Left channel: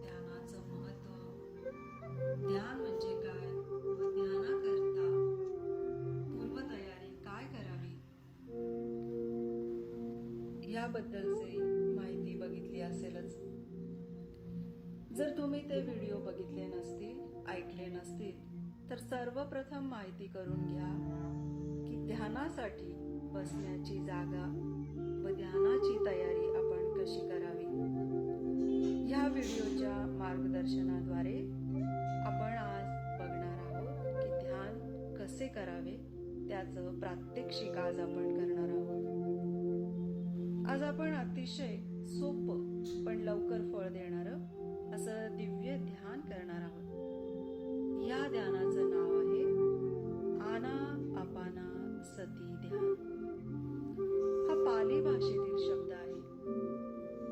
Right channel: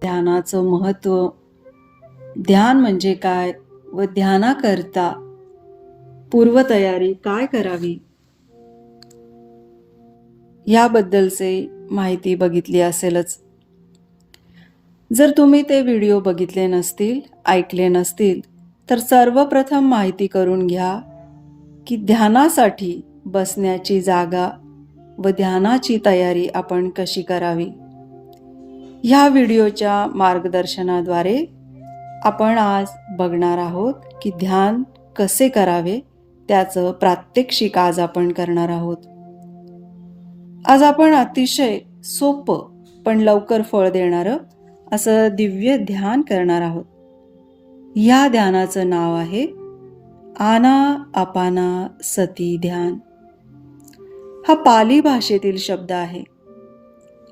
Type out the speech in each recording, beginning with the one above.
ध्यानाचं महत्त्व, ध्यान म्हणजे काय व ध्यानाकरता पूर्वतयारी काय करावी याबद्दलचे माहिती बघितली असेलच. जर तुम्ही ते व्हिडिओ बघितले नसतील, ऐकले नसतील, तर सर्वप्रथम माहिती करून घ्या की ध्यानासाठी बसण्याची जागा व ध्यानाची तयारी आपण कशी करावी. ह्या व्हिडिओच्या मार्गदर्शनाद्वारे आपण आज बघणार आहोत की ध्यान कसे करावे, त्याचं प्रात्यक्षिक आज आपण करणार आहोत. आज आपण अतिशय सोपं पण लवकर फळ देणारं असं दिव्य ध्यान करणार आहोत. या ध्यानाचं नाव आहे आनापाना सती ध्यान. हा पाली भाषेतील शब्द आहे.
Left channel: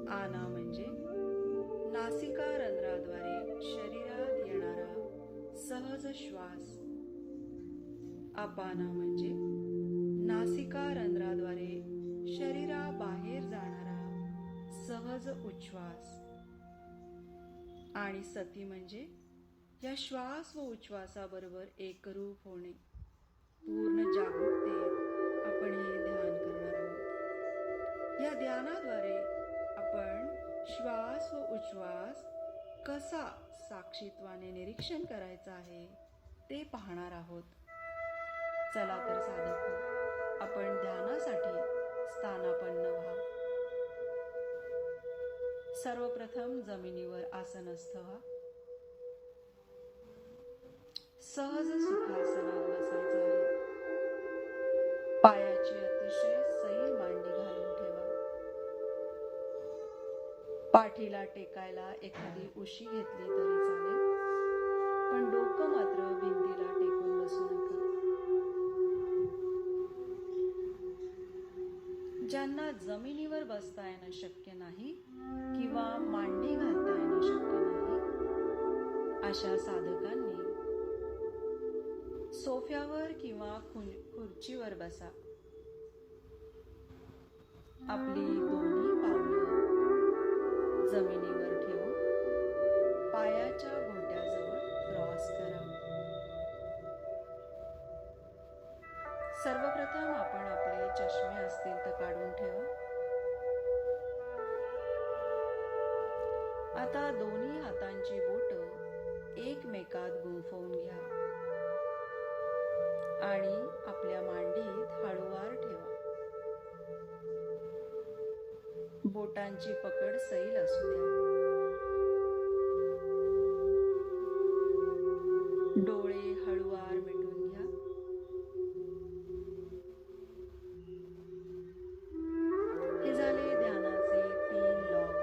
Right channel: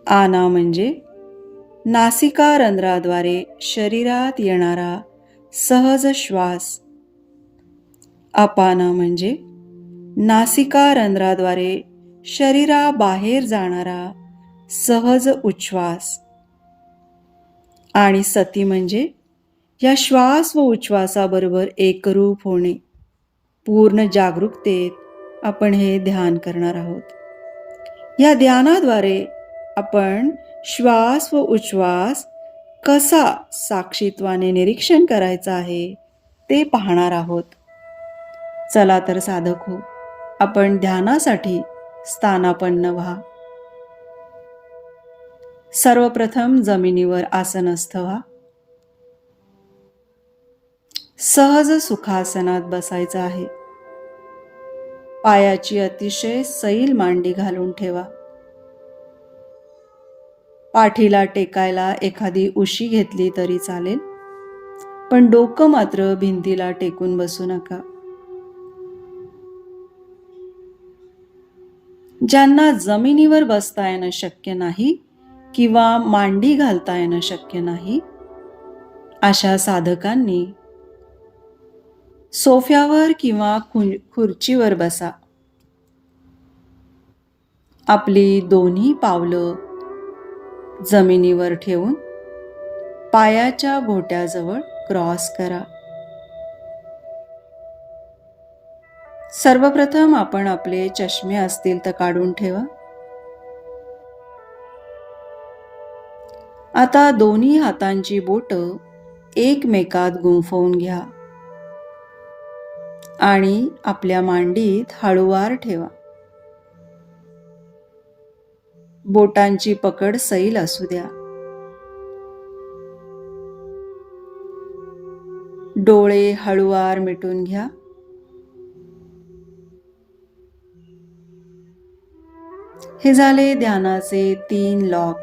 आना म्हणजे नासिका रंध्राद्वारे शरीरात येणारा सहज श्वास. अपाना म्हणजे नासिका रंध्राद्वारे शरीराबाहेर जाणारा सहज उच्छ्वास. आणि सती म्हणजे या श्वास व उच्छ्वासाबरोबर एकरूप होणे. पूर्ण जागरूकतेत आपण हे ध्यान करणार आहोत. या ध्यानाद्वारे आपण श्वास व उच्छ्वास कसा साक्षीत्वाने निरीक्षण करायचा आहे ते पाहणार आहोत. चला तर साधक हो, आपण ध्यानासाठी स्थानापन्न व्हा. सर्वप्रथम जमिनीवर आसनस्थ व्हा. सहज सुखासनात बसायचं आहे. पायाची अतिशय सैल मांडी घालून ठेवा. पाठीला टेकायला एखादी उशी घेतली तरी चालेल, पण डोकं मात्र भिंतीला टेकून बसू नका. ज्यांना जमिनीवर बसता येणं शक्य नाही किंवा मांडी घालता येणं शक्य नाही, अशा साधकांनी सोफ्यावर किंवा खुर्चीवर बसा. आपली दोन्ही पावलं जमिनीवर ठेवून पायाच्या घोट्याजवळ क्रॉस करा. सर्वप्रथम आपण आपले चष्मे असतील तर काढून ठेवा. आता दोन्ही हातांची बोटं एकमेकात गुंफवून घ्या आणि आपल्या मांडीत हळूवार ठेवा. बोटांची पकड सैल असू द्या. डोळे हळूवार मिटून घ्या. हे झाले ध्यानाचे 3 लॉक.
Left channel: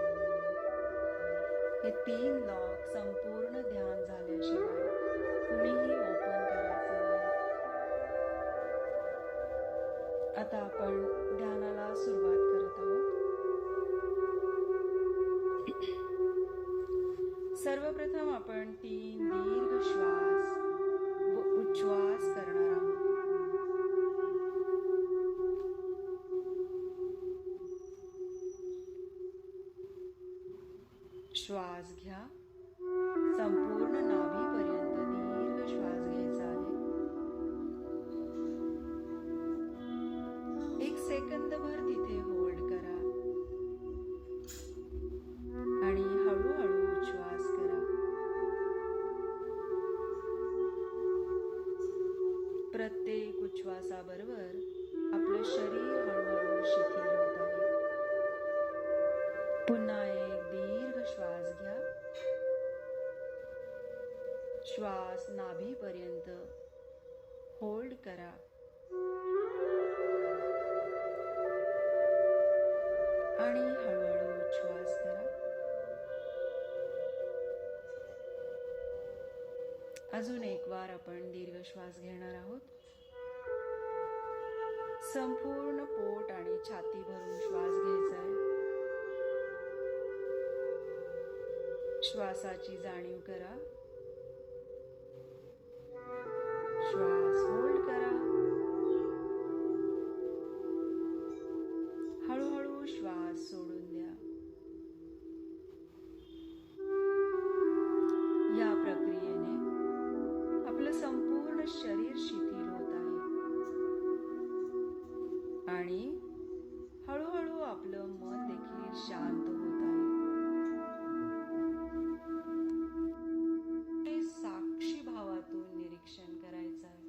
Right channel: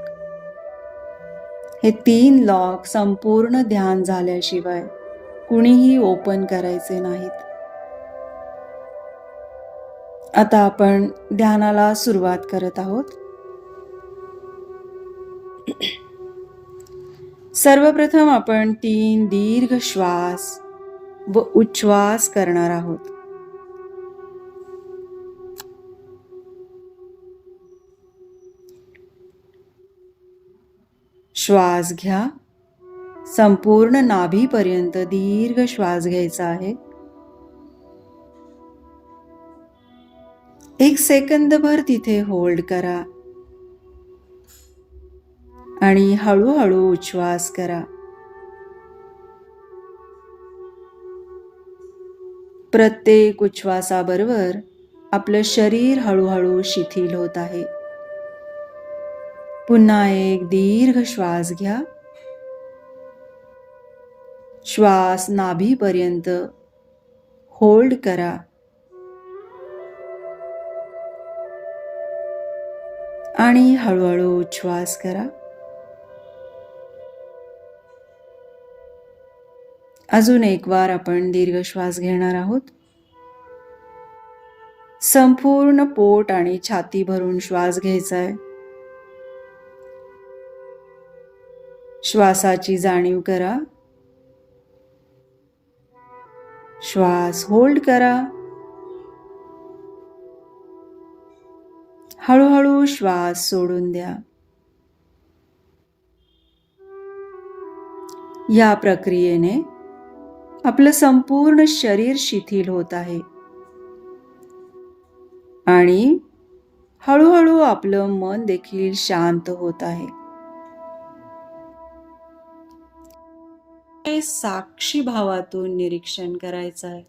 हे 3 लॉक संपूर्ण ध्यान झाल्याशिवाय कुणीही ओपन करायचे नाहीत. आता आपण ध्यानाला सुरुवात करत आहोत. सर्वप्रथम आपण 3 दीर्घ श्वास व उच्छ्वास करणार आहोत. श्वास घ्या. संपूर्ण नाभीपर्यंत दीर्घ श्वास घ्यायचा आहे. 1 सेकंदभर तिथे होल्ड करा आणि हळूहळू उच्छ्वास करा. प्रत्येक उच्छ्वासाबरोबर आपलं शरीर हळूहळू शिथिल होत आहे. पुन्हा एक दीर्घ श्वास घ्या. श्वास नाभीपर्यंत होल्ड करा आणि हळूहळू उच्छ्वास करा. अजून एक वार आपण दीर्घ श्वास घेणार आहोत. संपूर्ण पोट आणि छाती भरून श्वास घ्यायचा आहे. श्वासाची जाणीव करा. श्वास होल्ड करा हळूहळू श्वास सोडून द्या. या प्रक्रियेने आपलं संपूर्ण शरीर शिथिल होत आहे आणि हळूहळू आपलं मन देखील शांत होत आहे. हे साक्षी भावातून निरीक्षण करायचं आहे.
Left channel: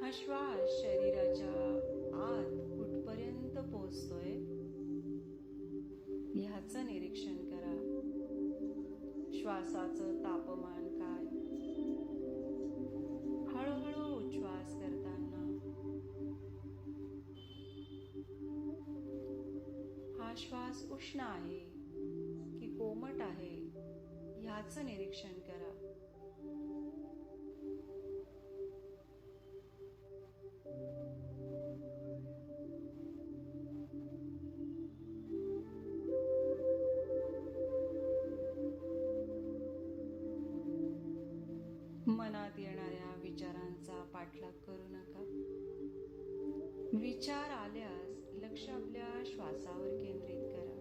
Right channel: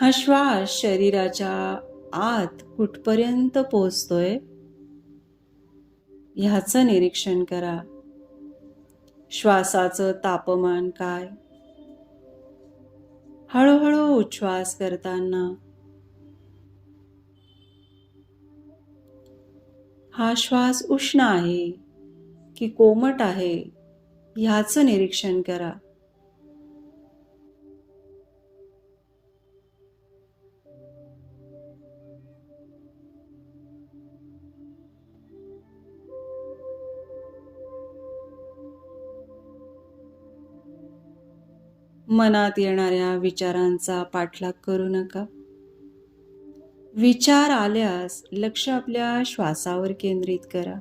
हा श्वास शरीराच्या आत कुठपर्यंत पोहोचतोय ह्याचं निरीक्षण करा. श्वासाचं तापमान काय? हळूहळू उच्छ्वास करताना हा श्वास उष्ण आहे की कोमट आहे ह्याचं निरीक्षण करा. मनात येणाऱ्या विचारांचा पाठलाग करू नका. विचार आल्यास लक्ष आपल्या श्वासावर केंद्रित करा.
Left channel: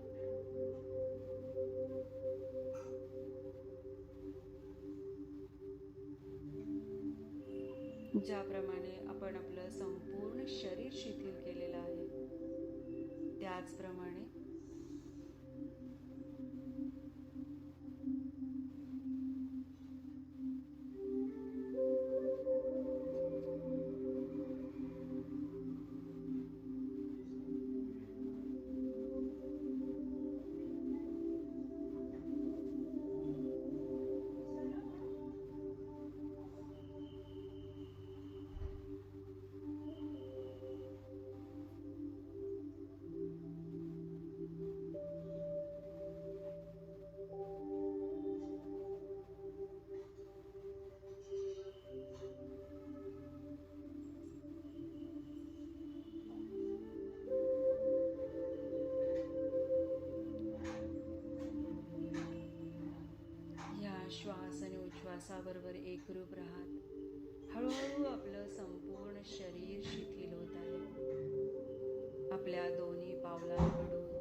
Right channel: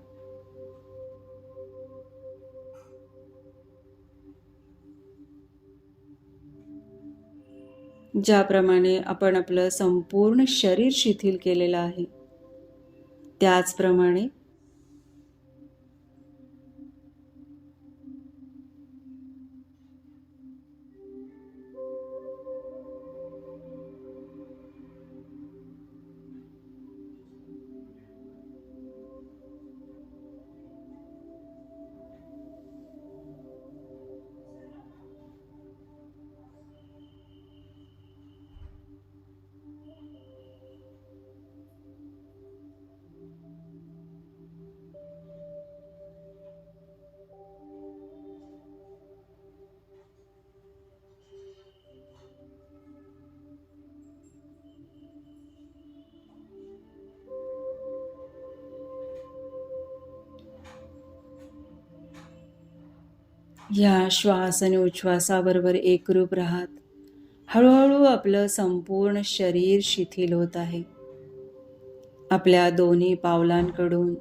ज्याप्रमाणे आपण आपलं संपूर्ण शरीर शिथिल केलेलं आहे त्याचप्रमाणे या श्वास आणि उच्छ्वासाबरोबर एकरूप राहत हळूहळू आपलं संपूर्ण शरीर शिथिल होत आहे. आपल्या दोन्ही पावलांकडून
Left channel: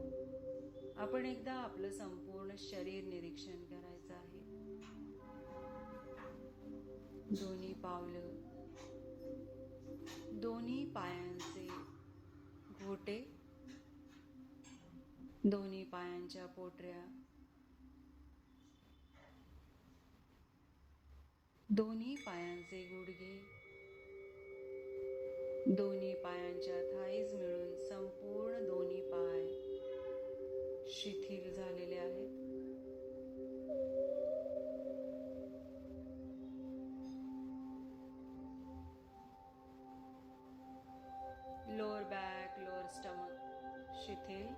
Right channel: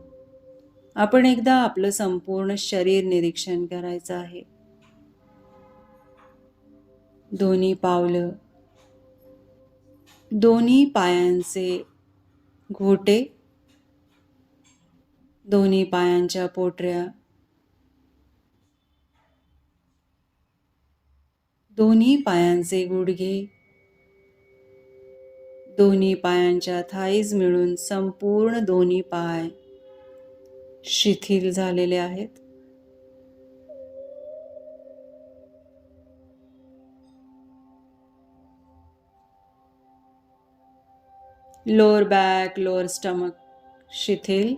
आपण एकदा आपलं संपूर्ण शरीर निरीक्षण करायचं आहे. दोन्ही पावलं, दोन्ही पायांचे घोटे, दोन्ही पायांच्या पोटऱ्या, दोन्ही पायांचे गुडघे, दोन्ही पायांच्या थाईज मिळून संपूर्ण दोन्ही पाय शिथिल झालेले आहेत. लोअर बॅक, लोअर स्टमक शिथिल.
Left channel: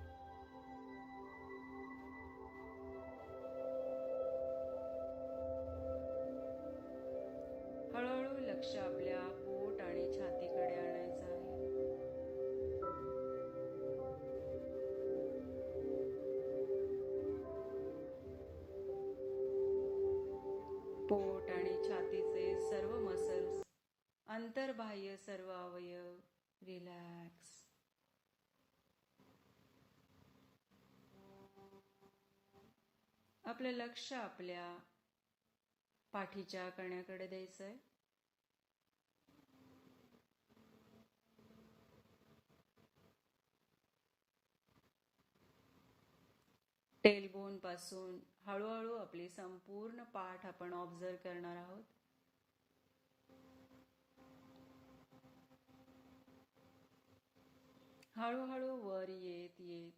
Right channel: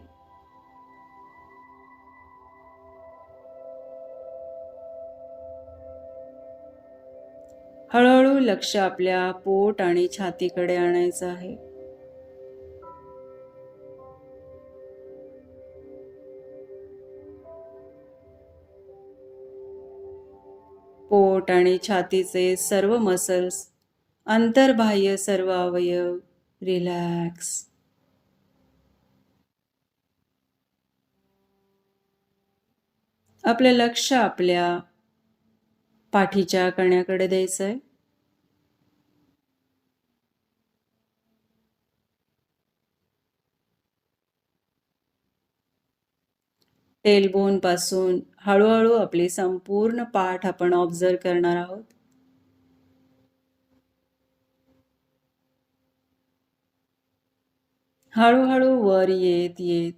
हळूहळू लक्ष आपल्या पोट आणि छातीकडे आणायचं आहे. पोट आणि छातीचे सर्व मसल्स, अंतर्बाह्य सर्व अवयव रिलॅक्स. आपले लक्ष आपल्या पाठीच्या कण्याकडे द्यायचंय. टेलबोन पासून हळूहळू आपली संपूर्ण पाठ आपण ऑब्झर्व करणार आहोत. हळूहळू वर येत येत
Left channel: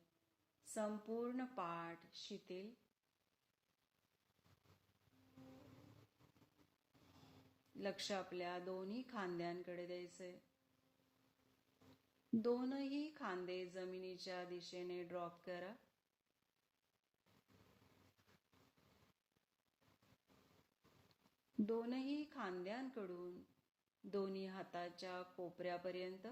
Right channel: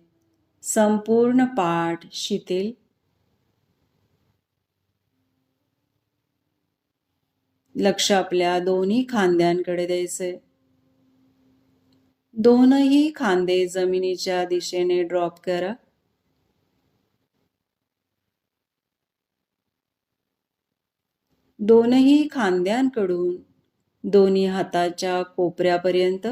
संपूर्ण पाठ शिथिल. लक्ष आपल्या दोन्ही खांद्यांकडे द्यायचे. दोनही खांदे जमिनीच्या दिशेने ड्रॉप करा. दोनही खांद्यांकडून दोन्ही हाताच्या कोपऱ्यापर्यंत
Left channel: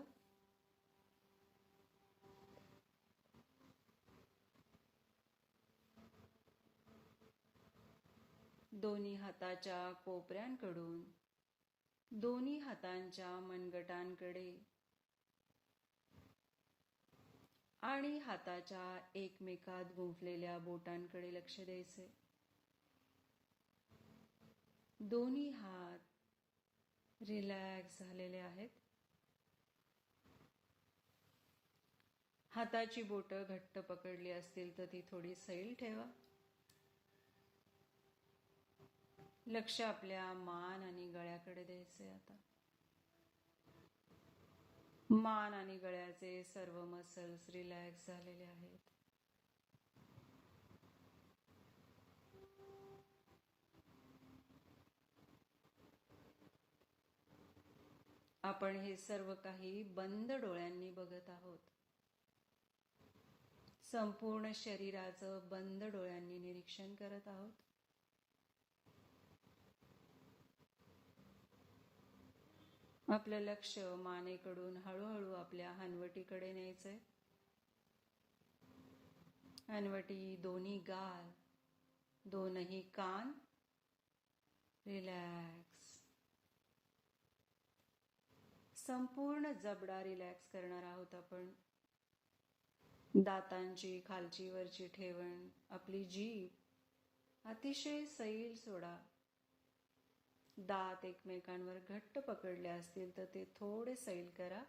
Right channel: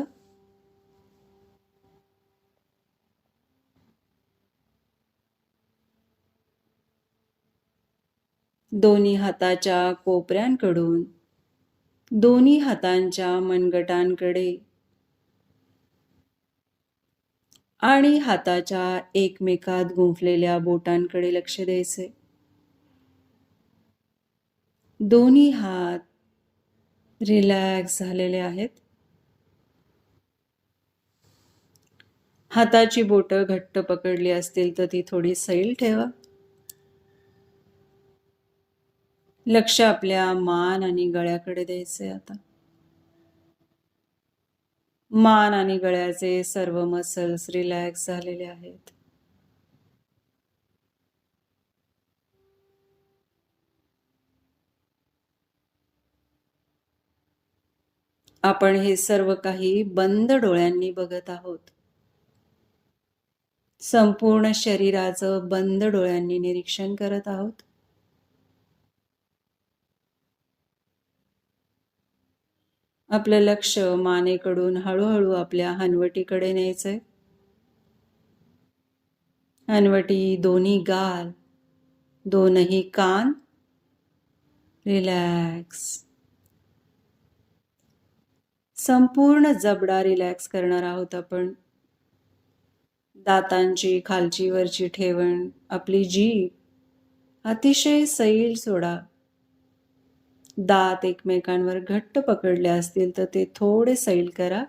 दोन्ही हाताच्या कोपऱ्यांकडून दोन्ही हातांच्या मनगटांकडे आणि हाताच्या एकमेकात गुंफलेल्या बोटांकडे लक्ष द्यायचे. दोन्ही हात रिलॅक्स झालेले आहेत. हाताची बोटं घट्ट पकडली असतील तर ती थोडी सैल ठेवा. लक्ष आपल्या मान आणि गळ्याकडे द्यायचे. आता मान आणि गळ्याचे सर्व मसल्स रिलॅक्स झालेले आहेत. आपण हे सर्व काही बंद डोळ्यांनी बघत आहोत. संपूर्ण शरीराचं बंद डोळ्यांनी निरीक्षण करत आहोत. आपलं लक्ष मानेकडून हळूहळू आपल्या हनवटीकडे न्यायचंय. हनवटी, दोन्ही गाल, दोनही कान रिलॅक्स. संपूर्ण जबडा रिलॅक्स करणार आहोत आपण. दातांची खालची वरची ठेवण, आपली जीभ अतिशय सैल सोडा. दात एकमेकांवर घट्ट पकडले असतील तर ते थोडे सैल करा.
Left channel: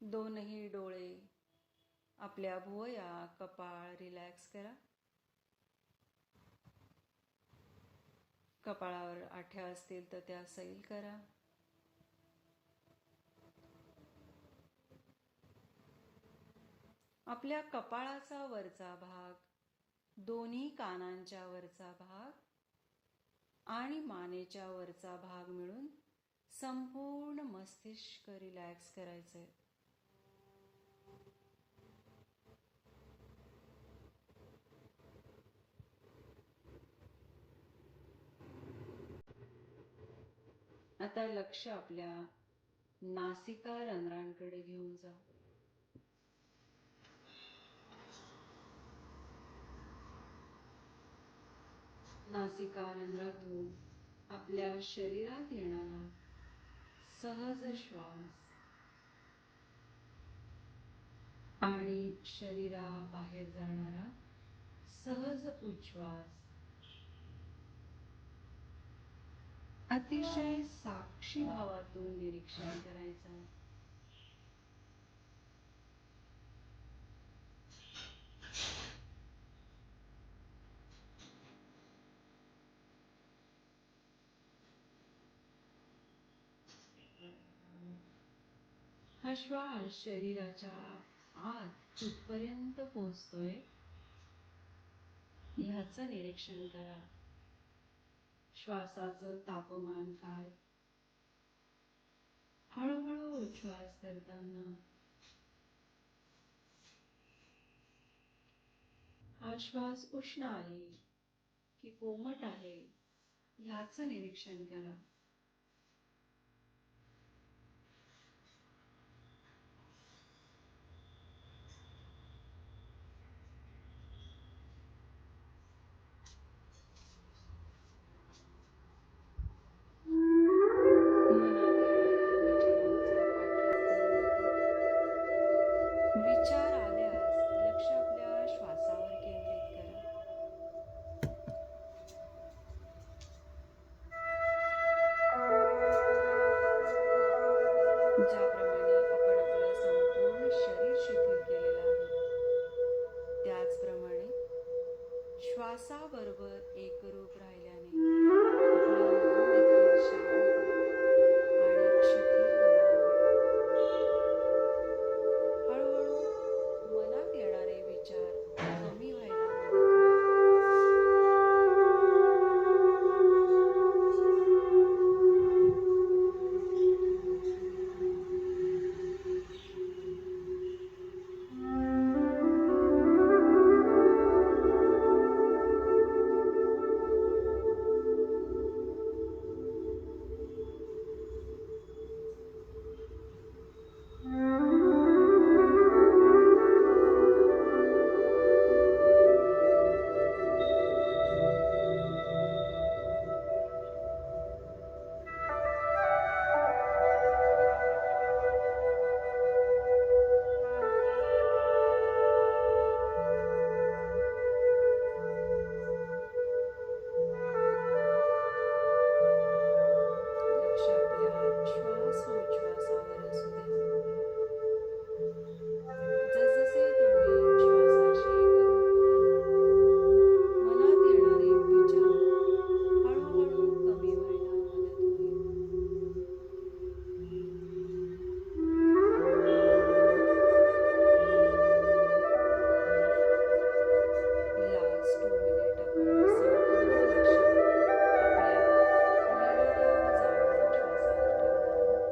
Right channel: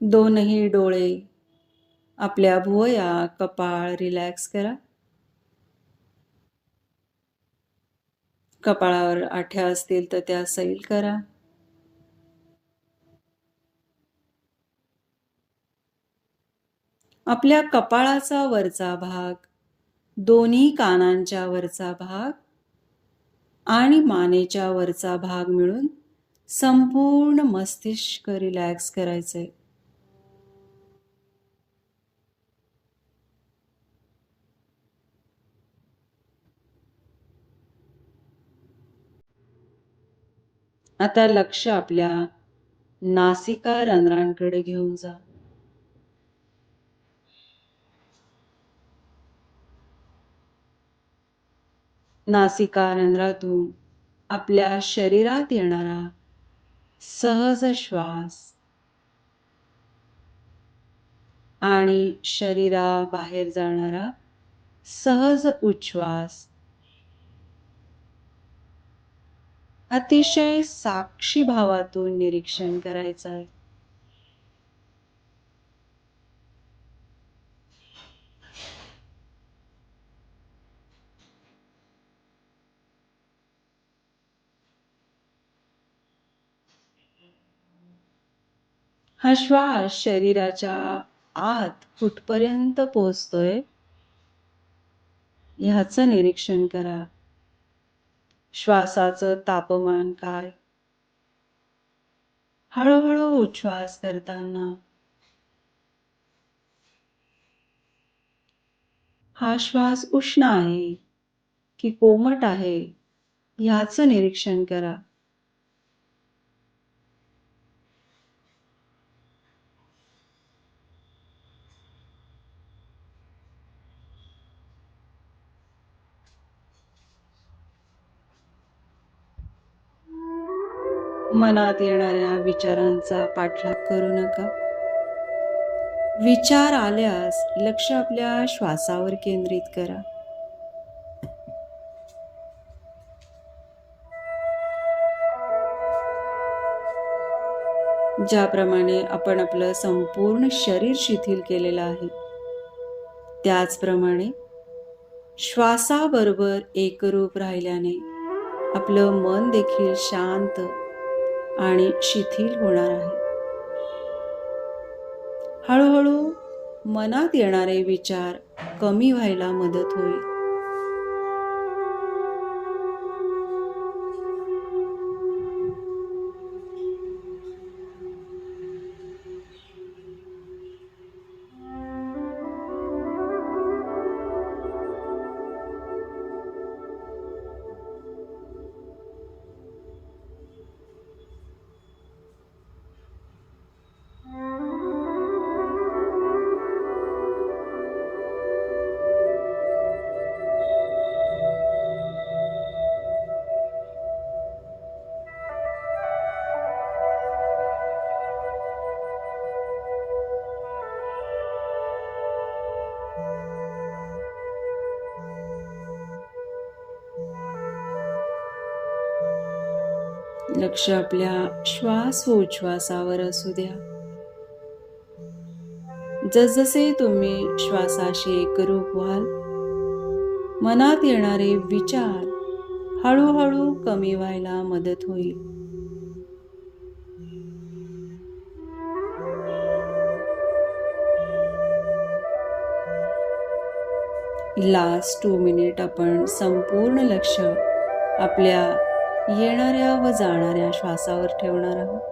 दोनही डोळे, आपल्या भुवया, कपाळ रिलॅक्स करा. कपाळावर आठ्या असतील तर त्या सैल करा. आपल्या कपाळाचा वरचा भाग, दोन्ही कानांच्या वरचा भाग आणि मानेच्या वरचा भाग मिळून संपूर्ण मस्तिष्क रिलॅक्स करायचे. आता लक्ष आपल्या नासिका रंध्रांकडे घेऊन जा. नासिका रंध्रातून आपल्या शरीरात येणारा सहज श्वास आणि शरीराबाहेर जाणारा सहज उच्छ्वास अतिशय साक्षी भावातून निरीक्षण करायचं आहे. हा श्वास शरीराच्या आत कुठपर्यंत पोहोचतोय ह्याचं निरीक्षण करा. श्वासाचं तापमान काय? हळूहळू उच्छ्वास करताना हा श्वास उष्ण आहे की कोमट आहे ह्याचं निरीक्षण करा. मनात येणाऱ्या विचारांचा पाठलाग करू नका. विचार आल्यास लक्ष आपल्या श्वासावर केंद्रित करा. ज्याप्रमाणे आपण आपलं संपूर्ण शरीर शिथिल केलेलं आहे त्याचप्रमाणे श्वासाबरोबर एकरूप राहिल्याने आपलं मन देखील शांत आणि शिथिल होणार आहे. हळूहळू मनात येणारे विचार कमी व्हायला मदत होईल. लक्ष आपल्या श्वास व उच्छ्वासावर असू द्या. जसजसे तुम्ही श्वासाशी एकरूप व्हाल, मनात येणारे विचार हळूहळू कमी व्हायला मदत होईल. लास्ट 2 मिनिट आपण संपूर्ण लक्ष आपल्या येणाऱ्या व जाणाऱ्या श्वासावर ठेवणार आहोत.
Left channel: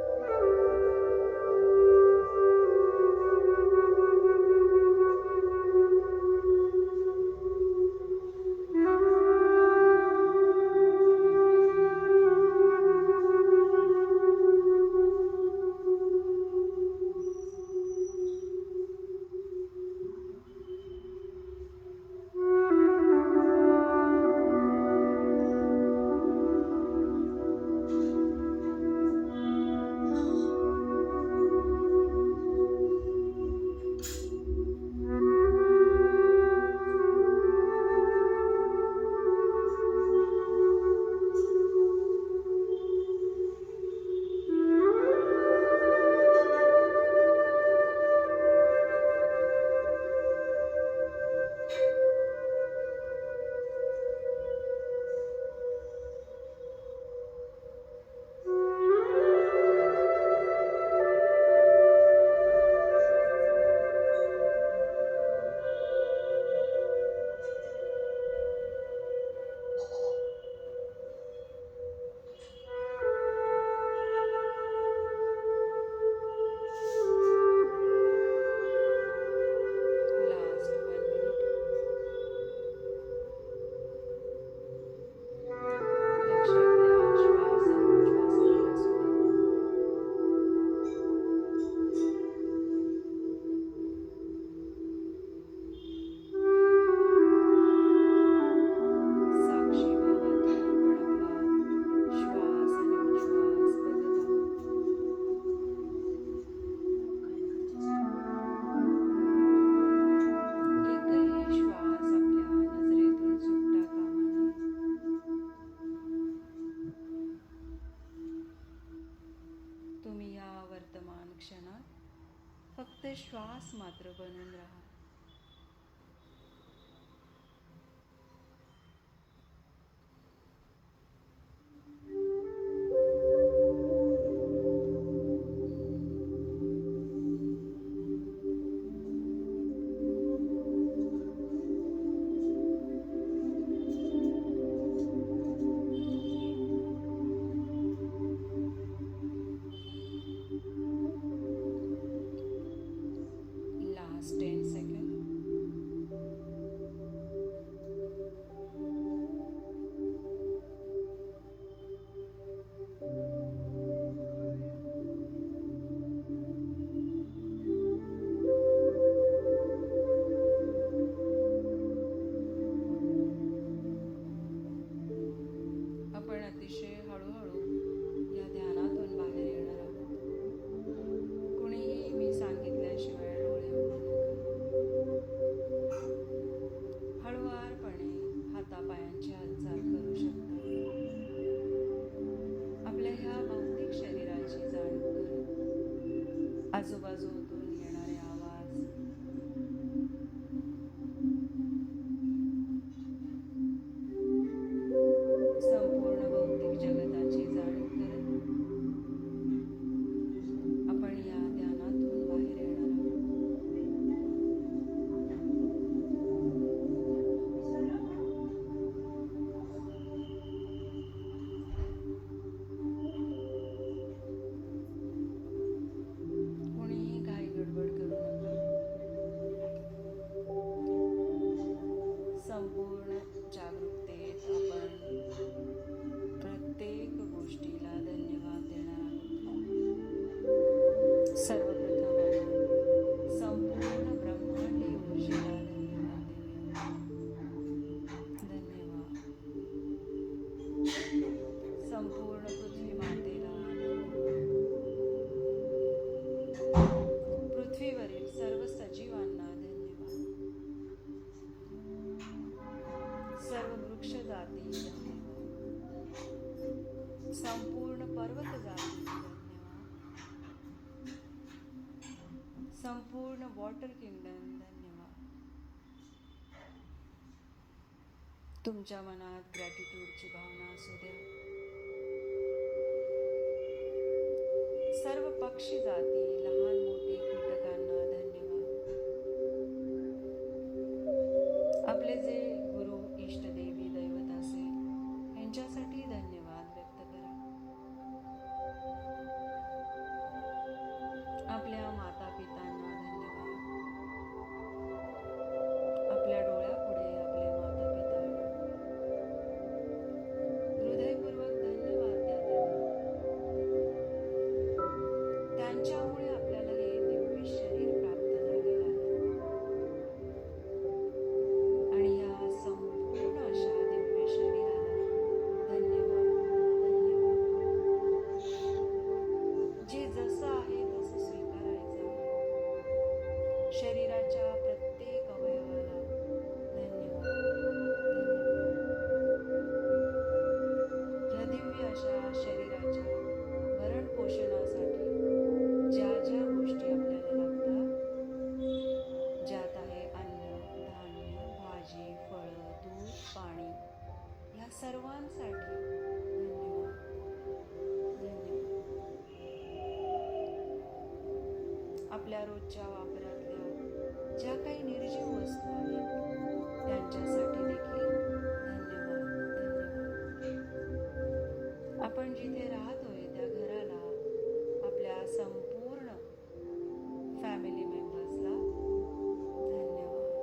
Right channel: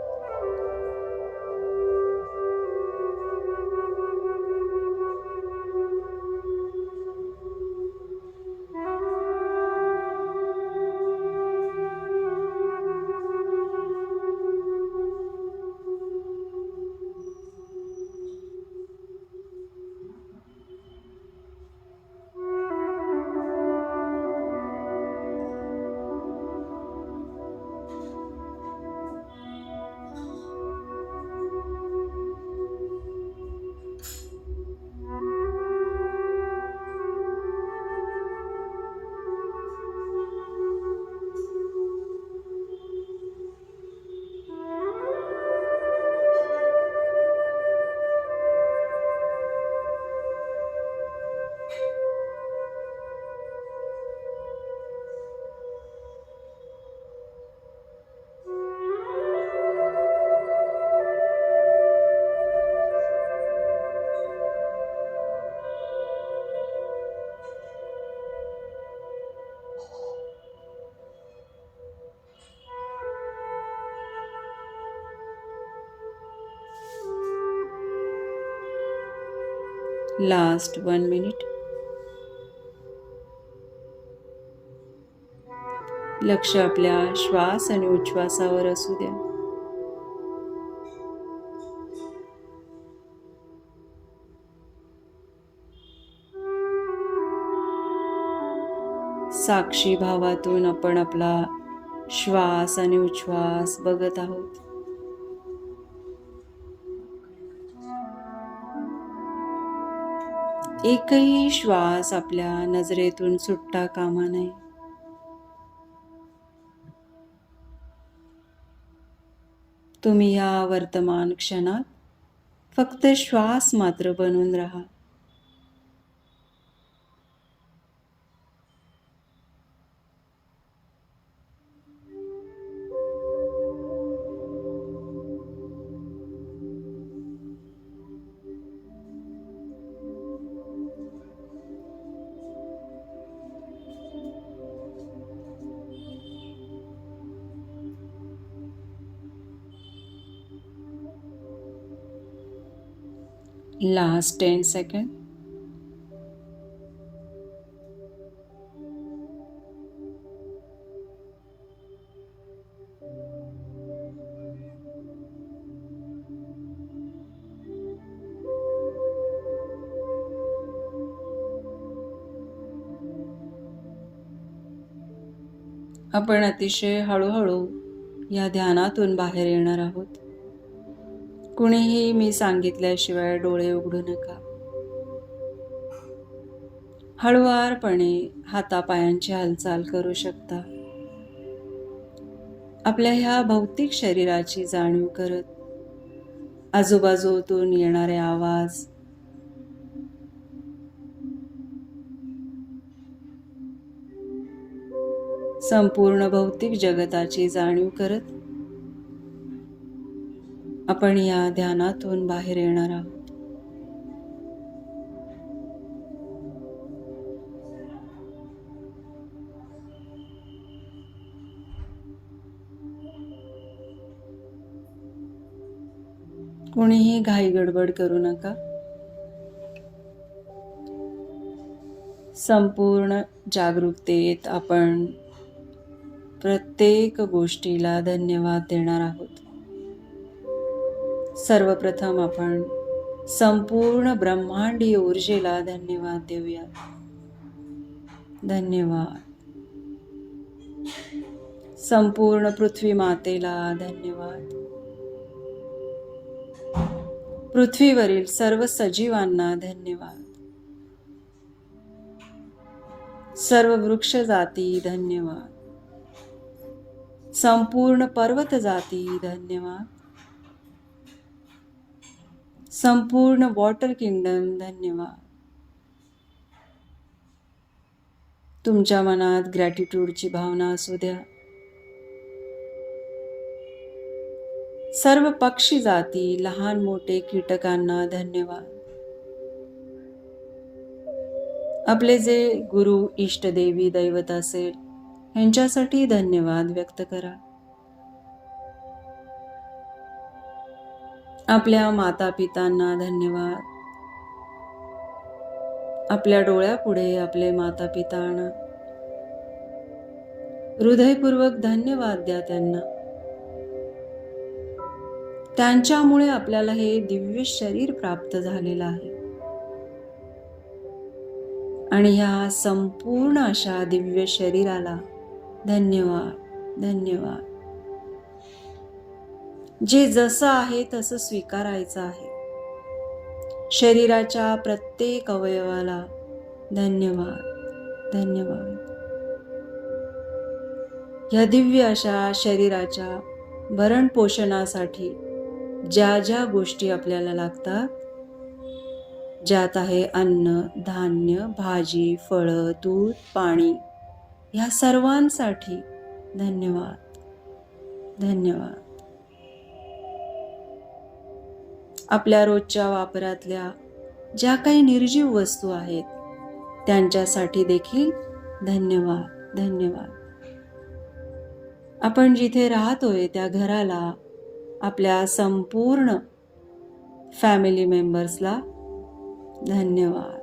Last 1 minute. लक्ष आपल्या श्वास आणि उच्छ्वासावर असू द्या. साक्षी भावातून आपण आपला श्वास आणि उच्छ्वास बघत आहोत. एकही श्वास आपल्या नजरेतून सुटता कामा नये. तुम्ही या वर्तमान क्षणात फक्त श्वास मात्र बनून राहा. Last 10 seconds. आपण अतिशय हळूहळू या ध्यानातून बाहेर येणार आहोत. कुणीही मी सांगितल्याशिवाय डोळे उघडू नका. हळुवारपणे हातापायांची हालचाल करू शकता. आपल्या ह्या भौतिक शरीराची जाणीव करत आजूबाजूतून येणारे आवाज, संपूर्ण भौतिक जगताची जाणीव करत आपण या ध्यानातून बाहेर येणार आहोत. कोणीही घाई गडबड करू नका. संपूर्ण जागरूकतेत आपण प्रत्येक गोष्टीला धन्यवाद देणार आहोत. सर्वप्रथम आपण संपूर्ण ब्रह्मांडीय ऊर्जेला धन्यवाद देऊया. धन्यवाद. संपूर्ण पृथ्वी मातेला धन्यवाद. पृथ्वीवरील सर्व सजीवांना धन्यवाद. सर्व वृक्ष जाती धन्यवाद. संपूर्ण पर्वत जाती धन्यवाद. संपूर्ण वॉटर किंगडम धन्यवाद. तुमच्या मनात ग्रॅटिट्यूडची भावना असू द्या. सर्व पक्षी जाती, लहान मोठे कीटकांना धन्यवाद. आपले जे गुरु, इष्टदेवी, दैवत असेल यांच्यासाठी धन्यवाद व्यक्त करा. आपल्या माता पितांना धन्यवाद. आपल्या डोळ्यापुढे आपले माता पितांना हृदयपूर्वक धन्यवाद द्या त्यांना. त्यांच्यामुळे आपल्याला हे दिव्य शरीर प्राप्त झालेलं आहे. आणि ह्या संपूर्ण अशा दिव्य शरीराला धन्यवाद धन्यवाद. जे जसं आहे तसं स्वीकारायचं आहे. शरीराच्या प्रत्येक अवयवाला धन्यवाद धन्यवाद. या दिव्य अशा शरीराच्या भरण पोषणासाठी ज्या ज्या गोष्टी आपल्याला लागतात, ज्यात आहे अन्न, धान्य, भाजी, फळं, दूध, पाणी, ह्या सर्वांसाठी धन्यवाद धन्यवाद. आपल्या रोजच्या वापरातल्या ज्या काही निर्जीव वस्तू आहेत त्यांच्यासाठी देखील धन्यवाद धन्यवाद. आपण जिथे राहतोय त्या घराला, आपल्या संपूर्ण फॅमिली मेंबर्सला धन्यवाद.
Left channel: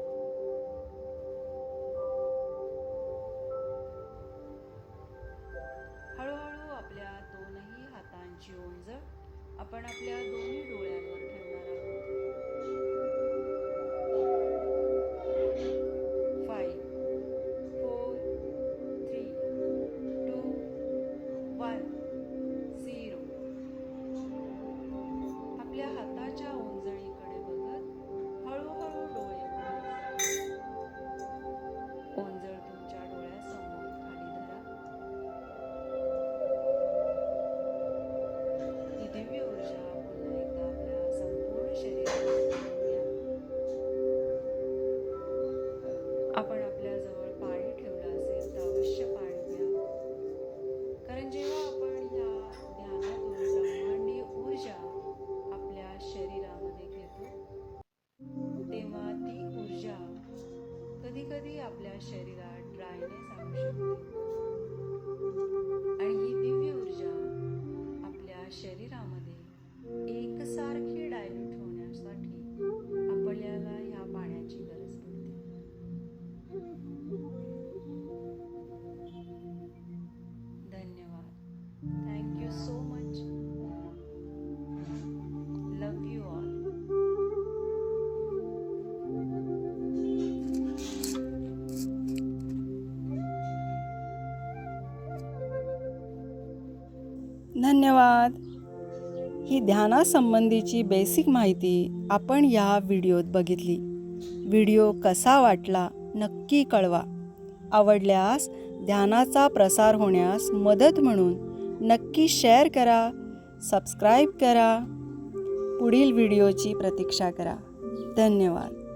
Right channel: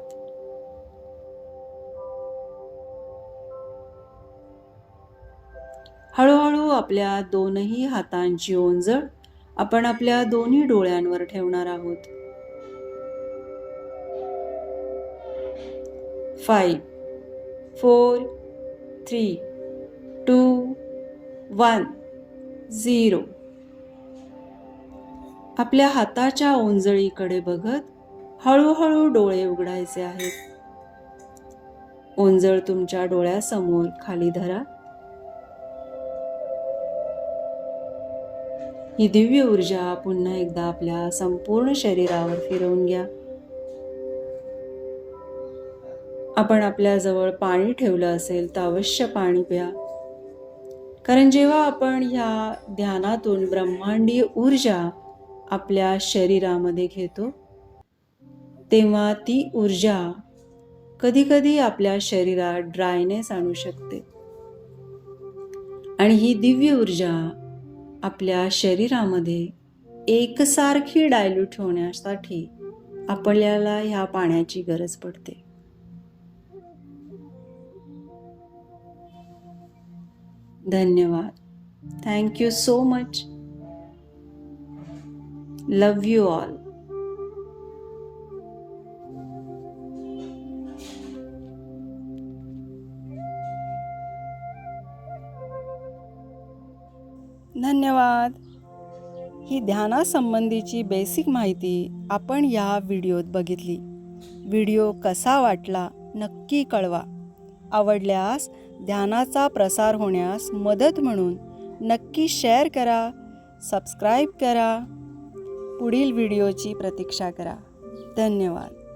हळूहळू आपल्या दोनही हातांची ओंजळ आपण आपल्या दोन्ही डोळ्यांवर ठेवणार आहोत. 5 4 3 2 1 0. आपल्या हाताच्या ओंजळीकडे बघत हळूहळू डोळे उघडायचे आहेत. ओंजळ तुमच्या डोळ्यासमोर खाली धरा. ही दिव्य ऊर्जा पुन्हा एकदा आपल्या संपूर्ण शरीरावर फिरवून घ्या. आपण आपल्या जवळ पाणी ठेवलं असेल तर अवश्य पाणी प्या. कारण जेव्हा आपण ह्या ध्यानातून ब्रह्मांडीय ऊर्जा आपल्या शरीरामध्ये घेतो तेव्हा ती ऊर्जा कधी-कधी आपल्या शरीरात ड्रायनेस आणू शकते. आणि ही दिव्य ऊर्जा आपल्या शरीरामध्ये एकसारखी डायल्यूट होण्यासाठी आपल्याला ह्या पाण्याची गरज पडते. धन्यवाद. Thank you so much. Love you all. धन्यवाद. ही ध्यानासंबंधीची बेसिक माहिती आपण या व्हिडिओत बघितली. व्हिडिओ कसा वाटला नक्की कळवा. आवडल्यास ध्यानाचा प्रसार होण्यास मदत म्हणून नक्की शेअर करा, सबस्क्राईब करा, पुढील व्हिडिओची प्रतीक्षा करा. धन्यवाद.